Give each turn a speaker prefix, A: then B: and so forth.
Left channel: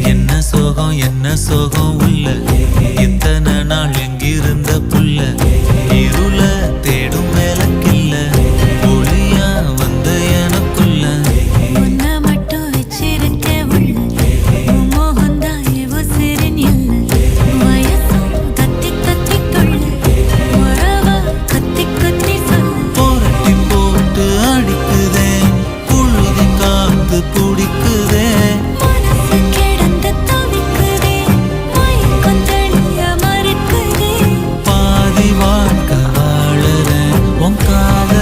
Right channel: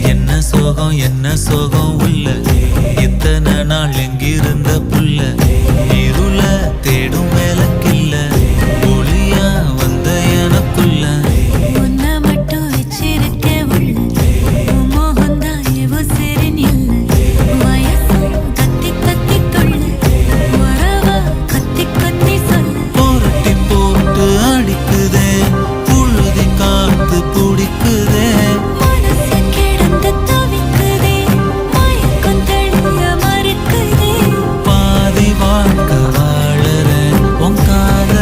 A: என்ன சோகம் என்ன சோகம் உள்ள? இத்தனை நாள் எங்கிருந்த புல்ல இருள தேடும் வேலைக்கில்ல ஒளியா வந்த எனக்குள்ள.
B: ஒன்ன மட்டும் வச்சிருக்க உள்ள. மோகந்தான் சிறின் இல்லை
A: புரட்டி போட்டு அடிக்குதே. புழுதி காத்து பிடிக்குதே. வாழ்க்கை வாழறேன். உன் காதல்